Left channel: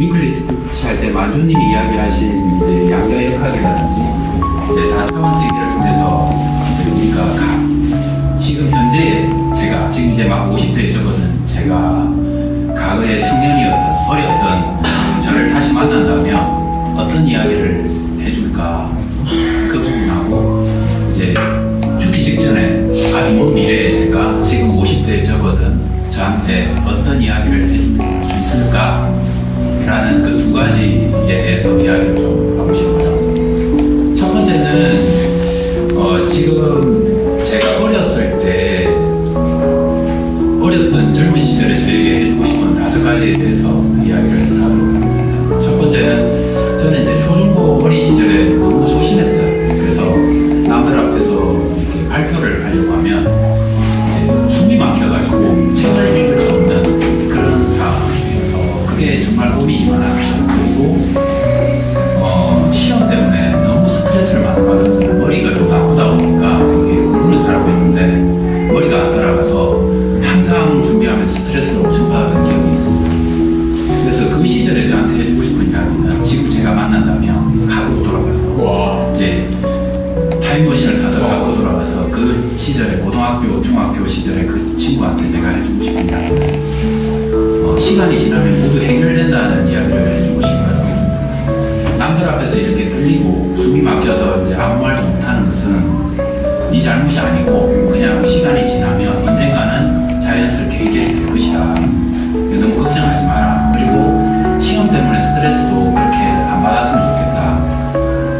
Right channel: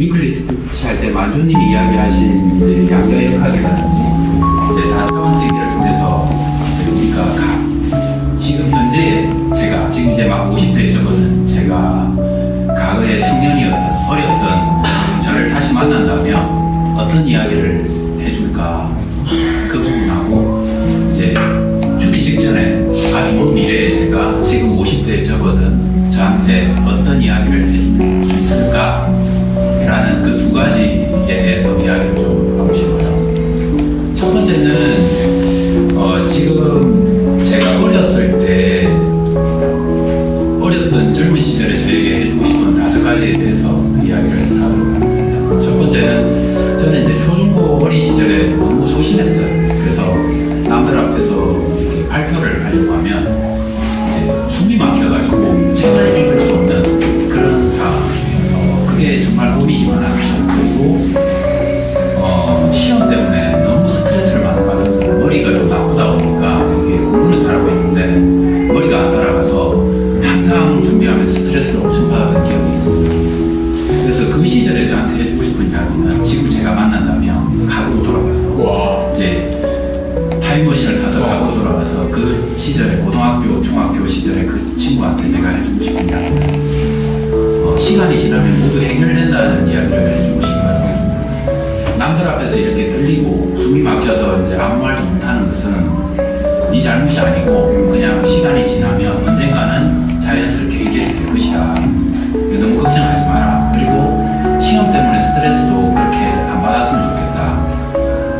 위클리 스피치 할 때 만주님이 이야기하신 이제 양자역학이라든지 이제 다차원적 세계를 통해서 이제 우리가 지금 현재 제가 지금 이제 막 50대에 접어든 제가 과거에 청년이었던 어렸던 저를 다시 만난다면 어떤 이야기를 해줄까 그 부분하고 이제 죽기 직전에 아주 먼 미래에 제가 지금 50대에 접어든 저한테 어떤 이야기를 해줄 수 있을까 라는 그 두 가지에 대해서 이야기를 좀 하고 싶어요. 첫 번째는 지금 제가 어렸을 때 어렸던 젊은 시절에 저에게 해주고 싶은 5가지에 대해서 이야기를 하도록 하겠습니다. 첫 번째는 저는 이제 초중고 어린 시절에 너무 소심했어요. 그래서 남들 앞에서 이렇게 발표를 하려고 하면 이제 숨이 막혀가지고 책을 읽을 수 없는 그런 상황이어서 그게 정말 고민이 많았죠. 그리고 시험 때문에 너무 스트레스를 많이 받았어요. 머리가 좀 나쁘다 보니까 이게 공부는 잘하고 싶은데 머리가 안 따라가서 항상 준비하면서 스트레스를 엄청 받았던 기억이 있습니다. 그래서 그 시절에 저한테 해주고 싶은 이야기는 지금 제가 만난다면 과거로 돌아가서 이제 타임머신을 타서 과거로 돌아가서 그 시절에 고등학교, 중학교 시절에 그 친구한테 제가 해주고 싶은 이야기는 시간이 지나면 모두 해결된다는 이야기를 해주고 싶어요. 남들 앞에서 이렇게 떨리고 숨이 막혀서 이제 아무 말도 못하는 것은 네 잘못이 아니고 그냥 시간이 지나면 언젠가는 자연스럽게 해결이 될 것이다. 너무 걱정하지 마라. 그리고 시험 때문에 스트레스도 그렇게 안 받았으면 좋겠다.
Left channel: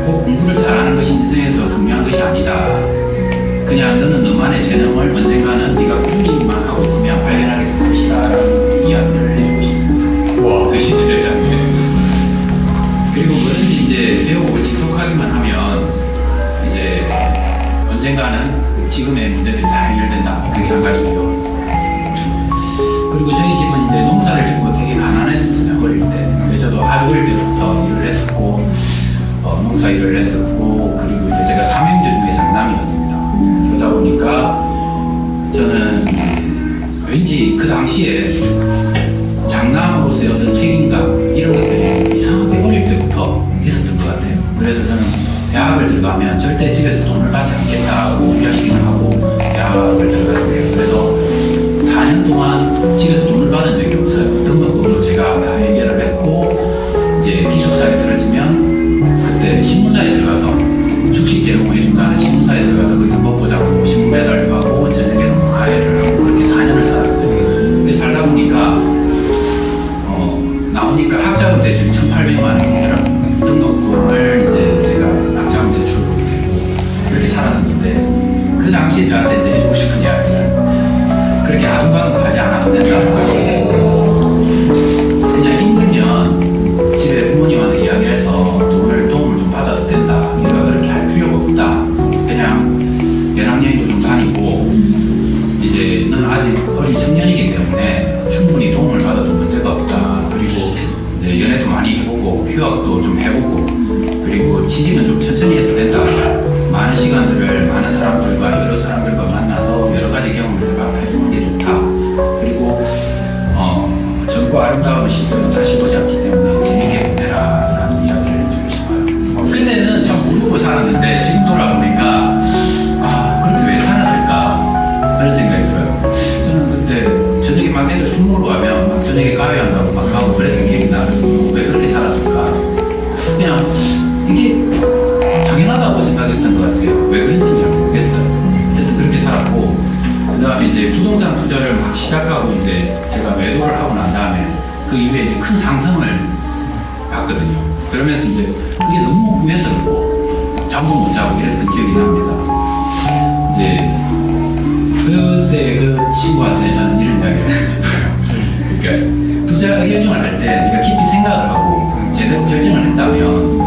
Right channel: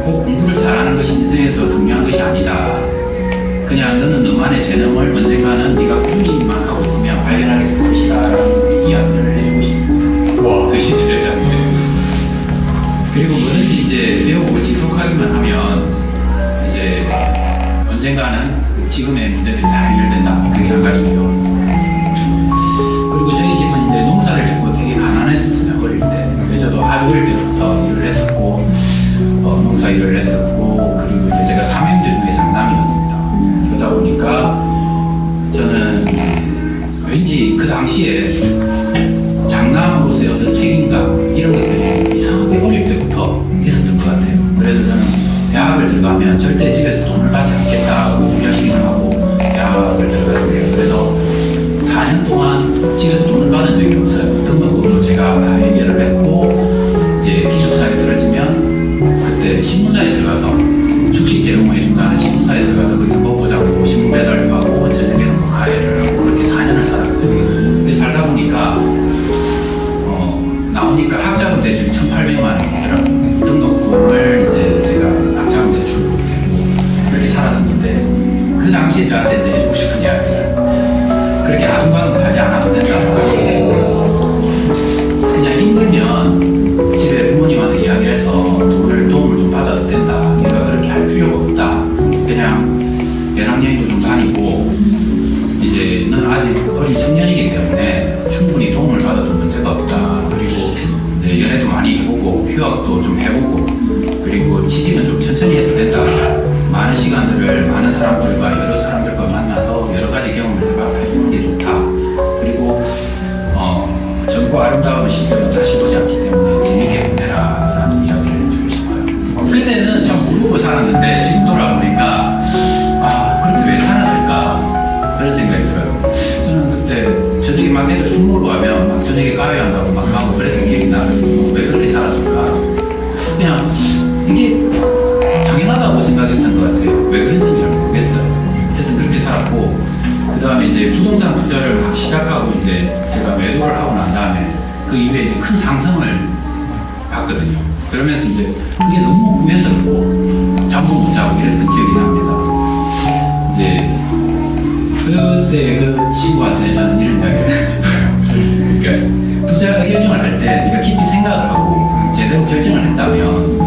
꼭 공부를 잘하는 것이 인생에서 중요한 것이 아니다. 그냥 너는 너만의 재능을 언젠가는 네가 꾸준히만 하고 있으면 발견하게 될 것이다 라는 이야기를 해주고 싶습니다. 그 시절의 장면. 그리고 뭐든지 이제 배우고 지속하기만 하면 이제 언젠가는 지금의 문제들이 다 해결된다. 그게 한 가지고요. 그리고 저희 집은 이제 농사를 짓고 되게 가난했었어요. 어릴 때. 저도 아주 어릴 때부터 일을 했었고 농사 일을 했었고 그리고 이제 제가 3형제 중에 장남이었습니다. 그러다 보니까 저는 왠지 그 당시에 장남으로서의 어떤 책임감 이런 것들이 이상하게 어릴 때부터 있었던 것 같아요. 그래서 저는 대학을 들어가면 절대 집에서 돈을 받지 않겠다고 열심히 하고 대학을 들어갔습니다. 그래서 4년 동안 집에서 돈을 받은 적이 없어요. 등록금도 제가 다 해결을 했고 이제 기숙사에 들어지면 그때 신문사에 들어가서 숙식 제공해준다는 신문사에 들어가서 거기서 먹고 자고 신문 배달도 하고 저녁에는 뭐 가해를 하고 그렇게 4년을 살았어요. 그래서 살다 보니까 나오니까 학자금 대출이 1,800만 원이더라고요. 등록금을 이제 제가 학자금 대출로 되고 그렇게 살았었는데 그 당시에 저한테 이제 해주고 싶은 이야기는 그렇게 아둥바둥 살지 않아도 된다. 그냥 힘들면 집에 부모님한테 이야기해서 도움을 좀 받아도 된다. 네가 그렇게 할 필요가 없다. 그냥 배낭여행도 좀 다니고 이제 넌 아직 어린 청년이기 때문에 충분히 도움을 받아도 문제가 없다. 그리고 이제 연애도 많이 해보고 휴학도 좀 해보고 그리고 취직은 좀 천천히 해도 된다. 많은 시간들을 많은 사람들과 여러 사람들과 만나서 여러 가지 경험을 해보는 게 좋다. 그리고 젊고 아름다운 시절은 다시 보지 않기 때문에 재밌게 보내라 라는 이야기를 해주고 싶어요. 그때는 참 모르고 살았는데 지금 돌아보니까 그렇게 왜 살았을까 그런 생각이 들어요. 저는 그때 저녁에 막 애들 술 먹으러 가면 막 저녁에 가위한다고 막 하고 그랬던 기억이 나거든요. 왜 그렇게 살았을까? 그냥 이게 당연하다고 생각했던 것 같아요. 왜 그런지는 잘 모르겠어요. 어쨌든 그렇게 살았고 그 다음에 이제 부동산 투자를 막 시작하고 이제 제가 매도를 하고 난 다음에 그 이후에 이제 큰 상승을 봤거든요. 그러면서 이제 그게 너무 후회스럽고 잠도 못 자고 이랬던 기억이 납니다. 이제 그때 그 친구한테 저는 이런 이야기를 해줬어요. 그러니까 투자 결정을 할 때 네가 깊이 생각을 하고 제대로 결정을 했다면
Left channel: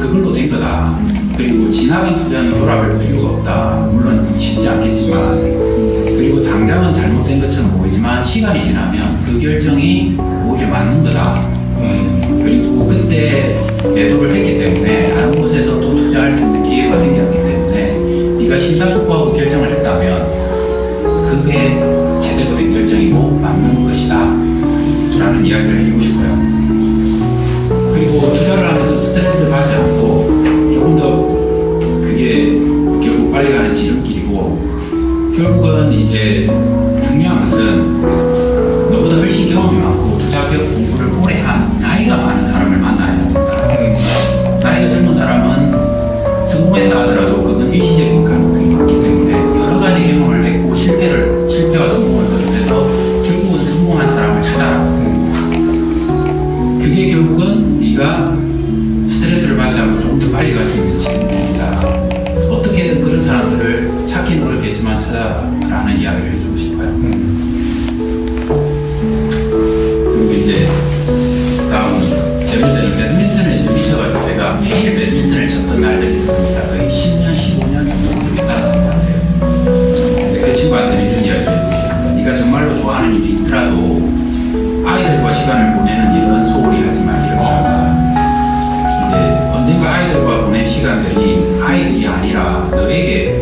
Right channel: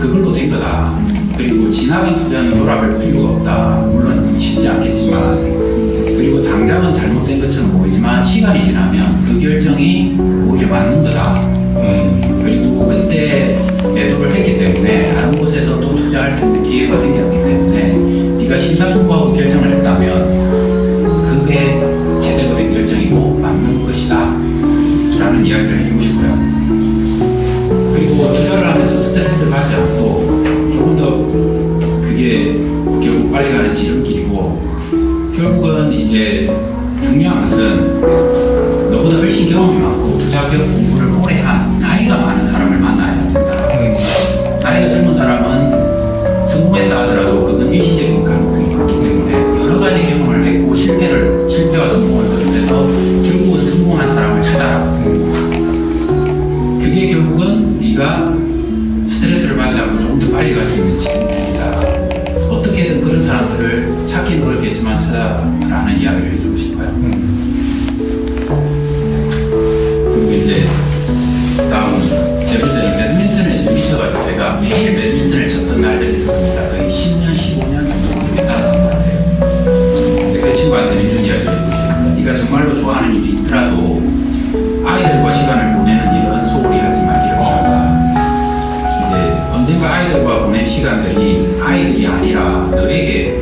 그걸로 된 거다. 그리고 지나간 투자는 돌아볼 필요가 없다. 물론 쉽지 않겠지만 그리고 당장은 잘못된 것처럼 보이지만 시간이 지나면 그 결정이 오히려 맞는 거다. 그리고 그때 매도를 했기 때문에 다른 곳에서 또 투자할 수 있는 기회가 생겼기 때문에 네가 심사숙고하고 결정을 했다면 그게 제대로 된 결정이고 맞는 것이다 라는 이야기를 해주고 싶어요. 스트레스를 받지 않고 조금 더 그게 결국 빨리 가는 지름길이고, 결국은 이제 중요한 것은 너보다 훨씬 경험이 많고 투자 공부를 오래 한 나이가 많은 사람을 만나야 된다. 나이가 젊은 사람은 성공했다 하더라도 그건 일시적인 가능성이 많기 때문에 여러 가지 경험을 했고 실패와 성공을 거듭해서 결국은 성공한 사람을 찾아라. 그게 결국은 네가 스트레스를 받지 않고 조금 더 빨리 갈 수 있는 지름길이다. 어떻게든 그런 사람들을 찾기는 어렵겠지만 찾아라는 이야기를 해주고 싶어요. 그리고 이제 다음 세 번째는 배드민턴에 이제 미쳐가지고 제가 매일 배드민턴을 쳤던 날들이 있었습니다. 거의 10년, 15년 정도 따라간 것 같아요. 근데 그 친구한테는 이런 이야기를 해주고 싶습니다. 네가 정말로 좋아하는 일이 있더라도 아이들과 시간을 보내는 일은 소홀히 하지 말기를 바란다. 이제 언젠가 아이들과 보낸 시간들이 아이들이 아니라 너에게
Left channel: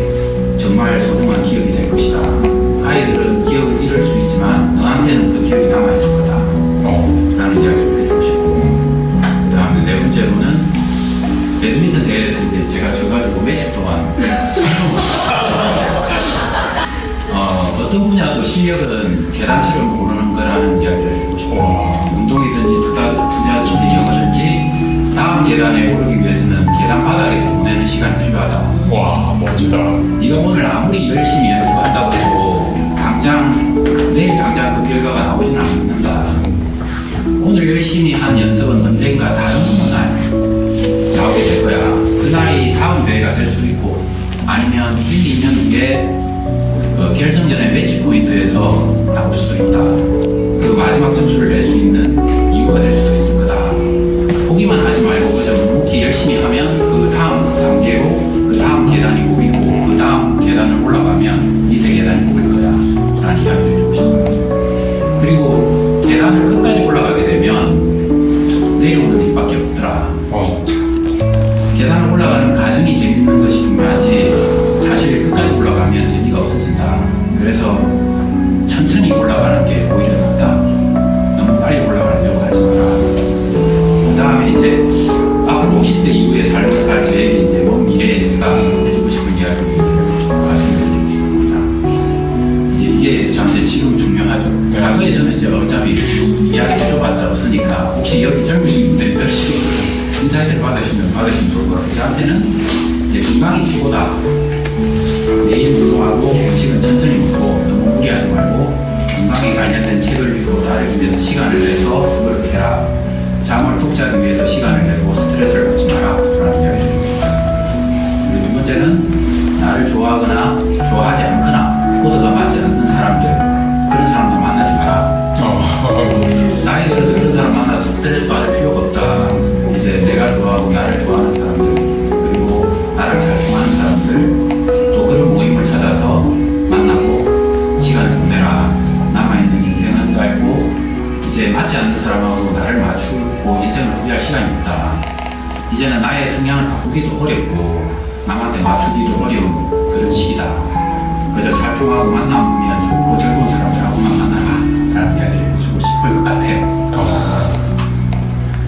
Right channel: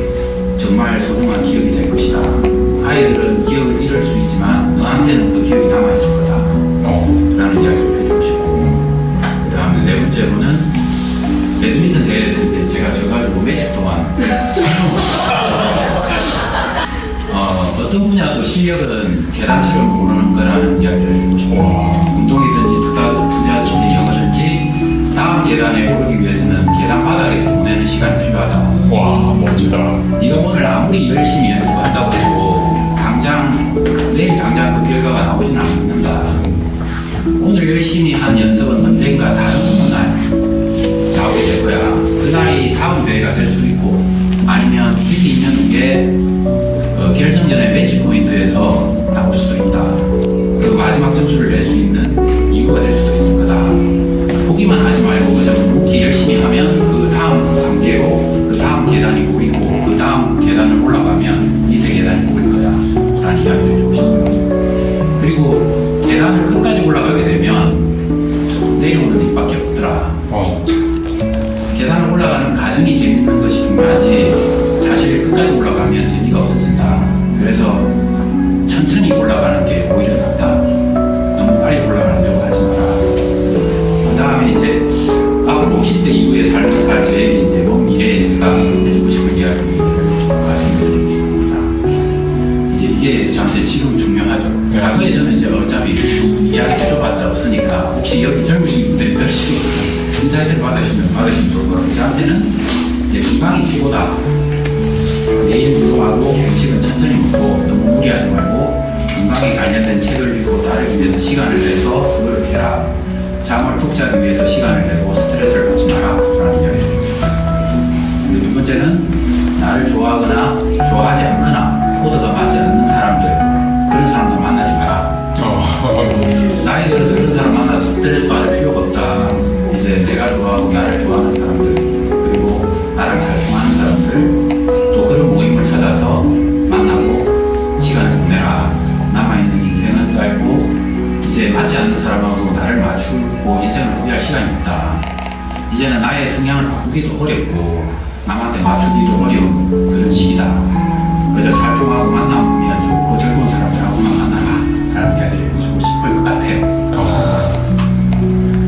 정말 소중한 기억이 될 것이다. 아이들은 기억을 잃을 수 있지만 너한테는 그 기억이 남아있을 거다. 라는 이야기를 해주고 싶고, 그 다음에 네 번째로는 배드민턴 대회에서 이제 제가 져가지고 며칠 동안 어떤 분야도 실력은 계단처럼 오르는 거라는 이야기를 해주고 싶고, 운동이든지 투자든지 영어든지 다음 계단에 오르기 위해서는 계단 바닥에서 보내는 시간이 필요하다. 와, 멋지다. 네가 오늘 아무리 열심히 연습한다고 해도 내일 당장 그 결과가 나오지는 않는다. 오늘 열심히 한 연습은 언젠가 다른 날 나오게 될 거야. 그날이 다음 대회가 될 수도 있고, 아니면 1, 2년 후에 결승전의 매치 포인트에서 나올 수도 있다. 그 마지막 점수를 낼 수 있는 이유가 될 수도 있을 거다. 포기만 하지 말고 그저 묵묵히 열심히 하면 그 다음 단계로 그 다음 계단이 보이고, 그 다음 계단을 올라가면 밑에 계단이 보일 거야 라는 이야기를 해주고 싶어요. 그리고 계단을 끝까지 올라가게 되면 내려오는 일밖에 없더라. 계단을 올라가는 과정이 재밌는 것이 중요하지 사실 끝까지 올라가면 재미가 없어진다. 그래서 천천히 올라가는 게 오히려 낫다. 너무 빨리 올라가려고 하지 마라. 그 다음에 이제 앞으로 50대 이후의 삶을 살 저에게 이제 먼 미래에 제가 해주고 싶은 이야기를 말씀드리고 싶습니다. 이제 이게 저한테 지금 중요하죠. 과거에 저는 이제 어차피 이야기 해줘봤자 없으니까 혹시 여기 젊으신 분들이 들으시고 인사이트를 받으시면 좋을 것 같아요. 저한테는 이제 건강이 최고다. 매일 운동하고 음식은 천천히 먹고 너무 무리하지 말고 건강에 관련된 책을 읽고 나를 위해서 시간을 내서 노력해라. 잠을 푹 자기 위해서 시간을 내고 스트레스를 받지 마라 라는 이야기를 해주고 싶어요. 그리고 두 번째는 나를 좋아하거나 좋아하지 않거나 코드가 맞지 않는 사람들, 그런 사람들 만나지 마라. 나이 들어서 그런 사람 만나서 스트레스 받을 필요가 없다. 이제 내가 좋아하고 나를 좋아하는 사람들, 그리고 나랑 잘 통하는 사람들, 또 그런 모임을 찾아서 만나고 시간을 보내라. 남아있는 인생은 짧고 이제 맞지 않는 사람하고 나를 맞추고 인생을 소비할 시간이 없다. 이제는 나의 성향을 바꾸기도 어렵고 남한테 맞추기도 어려운 그런 시기다. 그저 잘 통하고 만나면 좋고 즐거운 사람들하고만 만나라 라는 이야기를 해주고 싶을 것 같아요.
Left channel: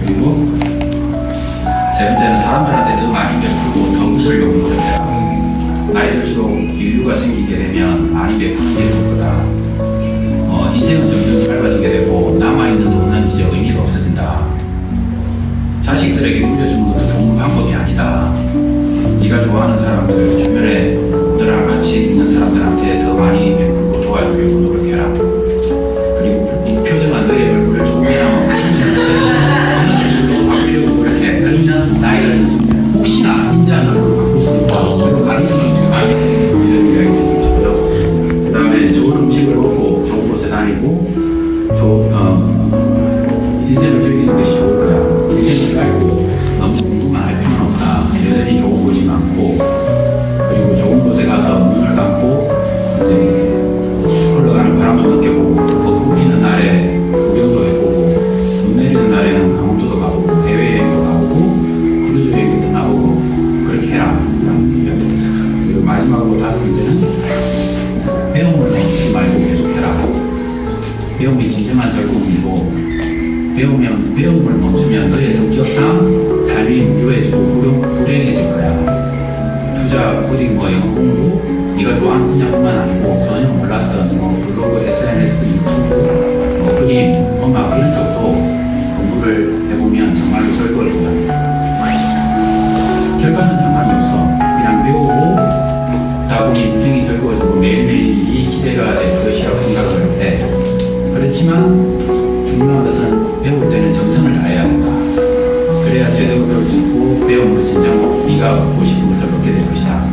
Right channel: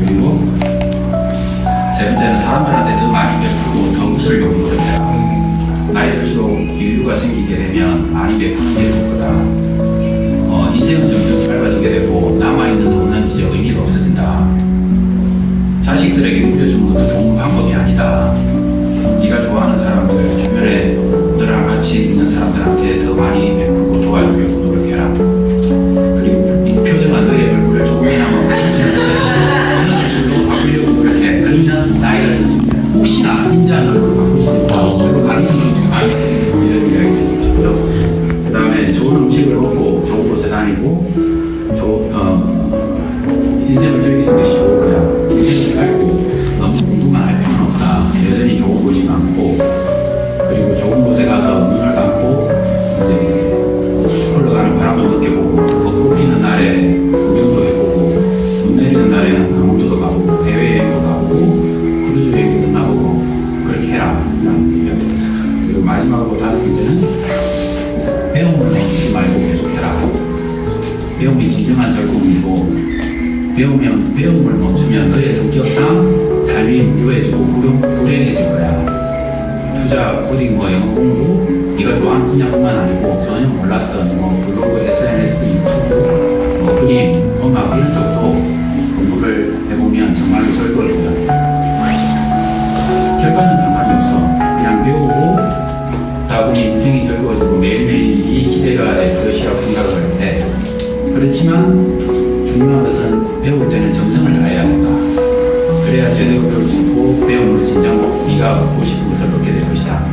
그리고 세 번째는 사람들한테 더 많이 베풀고 더 웃으려고 노력해라. 나이 들수록 여유가 생기게 되면 많이 베푸는 게 좋을 거다. 인생은 점점 짧아지게 되고 남아있는 돈은 이제 의미가 없어진다. 자식들에게 물려주는 것도 좋은 방법이 아니다. 네가 좋아하는 사람들, 주변에 너랑 같이 있는 사람들한테 더 많이 베풀고 도와주려고 노력해라. 그리고 무표정한 너의 얼굴을 조금이나마 어느 수술로 바꾸려고 노력해. 그러면 나이가 있으면 혹시나 인자한 얼굴을 바꿀 수도 있고 그런 가능성은 지금 이런 이야기를 해주고요. 그 다음에 좋은 음식을 먹고 좋은 곳에 다니고 인생을 즐기는 것이 좋을 거야. 인생은 짧고 너무 공부만 할 필요는 없다. 여전히 좋은 곳이 많고, 그리고 좋은 곳에 가서 눈을 감고 이제 흘러가는 바람도 느껴보고, 벚꽃 피는 날에 구경도 해보고, 눈 내리는 날에는 강원도도 가보고, 해외여행도 가보고, 크루즈 여행도 떠나보고, 그렇게 해라 라는 이야기입니다. 그리고 마지막으로 다섯 번째는 배움을 멈추지 말고 계속해라. 배움이 진정한 즐거움이고 배움을 멈추면 너의 성격상 삶이 무료해지고 불행해질 거야. 투자, 코딩, 영어 공부, 네가 좋아하는 분야뿐만 아니고 전혀 몰랐던 블로그, SNS, 유튜브, 그림, 음악 이런 쪽도 공부를 해보면 정말로 즐거울 거야. 결과는 상관이 없어. 그냥 배우고 다 보면 인생이 즐거워지고 매일매일이 기대가 될 것이라고 생각을 해. 그렇지만 중요한 것은 배울 때는 정성을 다해야 된다. 그래야 제대로 배울 수 있고 배움으로 진정 네가 얻고 싶은 것을 얻게 될 것이다.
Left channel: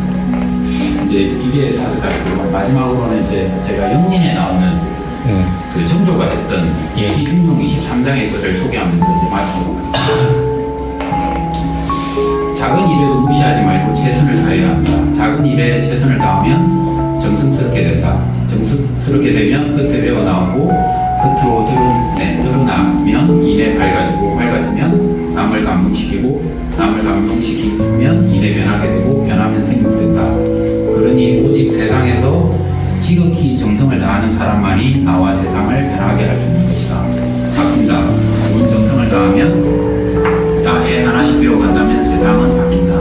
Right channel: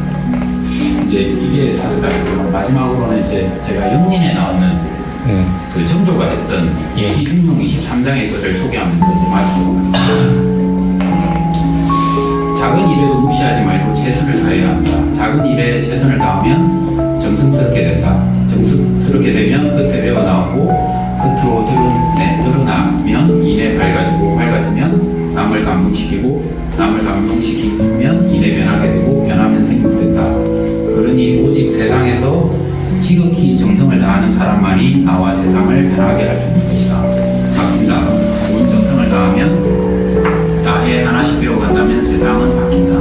이제 이게 5가지고 마지막으로는 이제 제가 영린에 나오는 그 정조가 했던 이중용 23장의 것을 소개하면서 이제 마치도록 하겠습니다. 작은 일에도 무시하지 말고 최선을 다해야 한다. 작은 일에 최선을 다하면 정성스럽게 된다. 정성스럽게 되면 끝에 배어나오고 끝으로 드러나면 이내 밝아지면 남을 감동시키고 남을 감동시키면 이내 변하게 되고 변하면 생육된다. 그러니 오직 세상에서 지극히 정성을 다하는 사람만이 나와 세상을 변하게 할 수 있는 것이다. 바뀐다. 좋은 정성을 다하면 애 하나씩 배워간다면 세상은 바뀐다.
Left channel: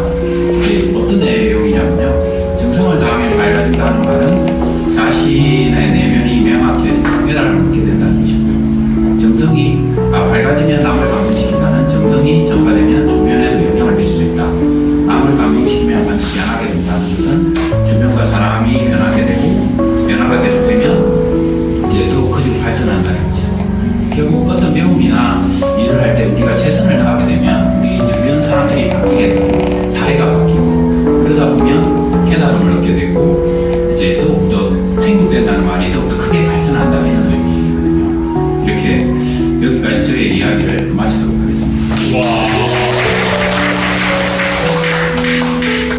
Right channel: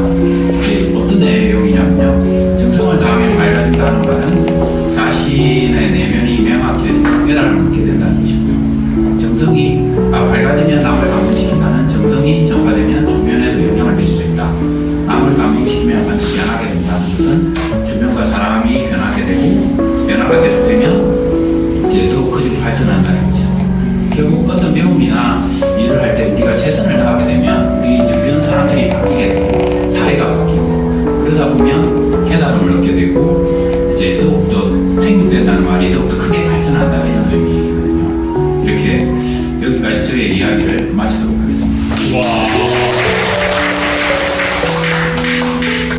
어떤 내용이냐면요. 정성을 다하면 밝아진다는 말은 자신의 내면이 명확해지고 깨달음을 얻게 된다는 것이고요. 정성이 밝아지면 남을 감동시킨다는 정성이 전파되면 주변에도 영향을 미칠 수 있다. 남을 감동시키면 반드시 변하게 된다는 것은 주변과 사람이 변하게 되고 변화가 계속되면 이제 더욱 커지고 발전한다는 거죠. 결국 어떤 배움이나 일을 할 때 우리가 최선을 다하게 되면 우리 주변 사람들이 바뀌게 되고 사회가 바뀌고 그러다 보면 깨달음을 얻게 되고 이제 더욱더 생육된다는 말이 더욱더 크게 발전한다 이런 의미거든요. 이렇게 여기까지 저의 이야기를 마치도록 하겠습니다. 와.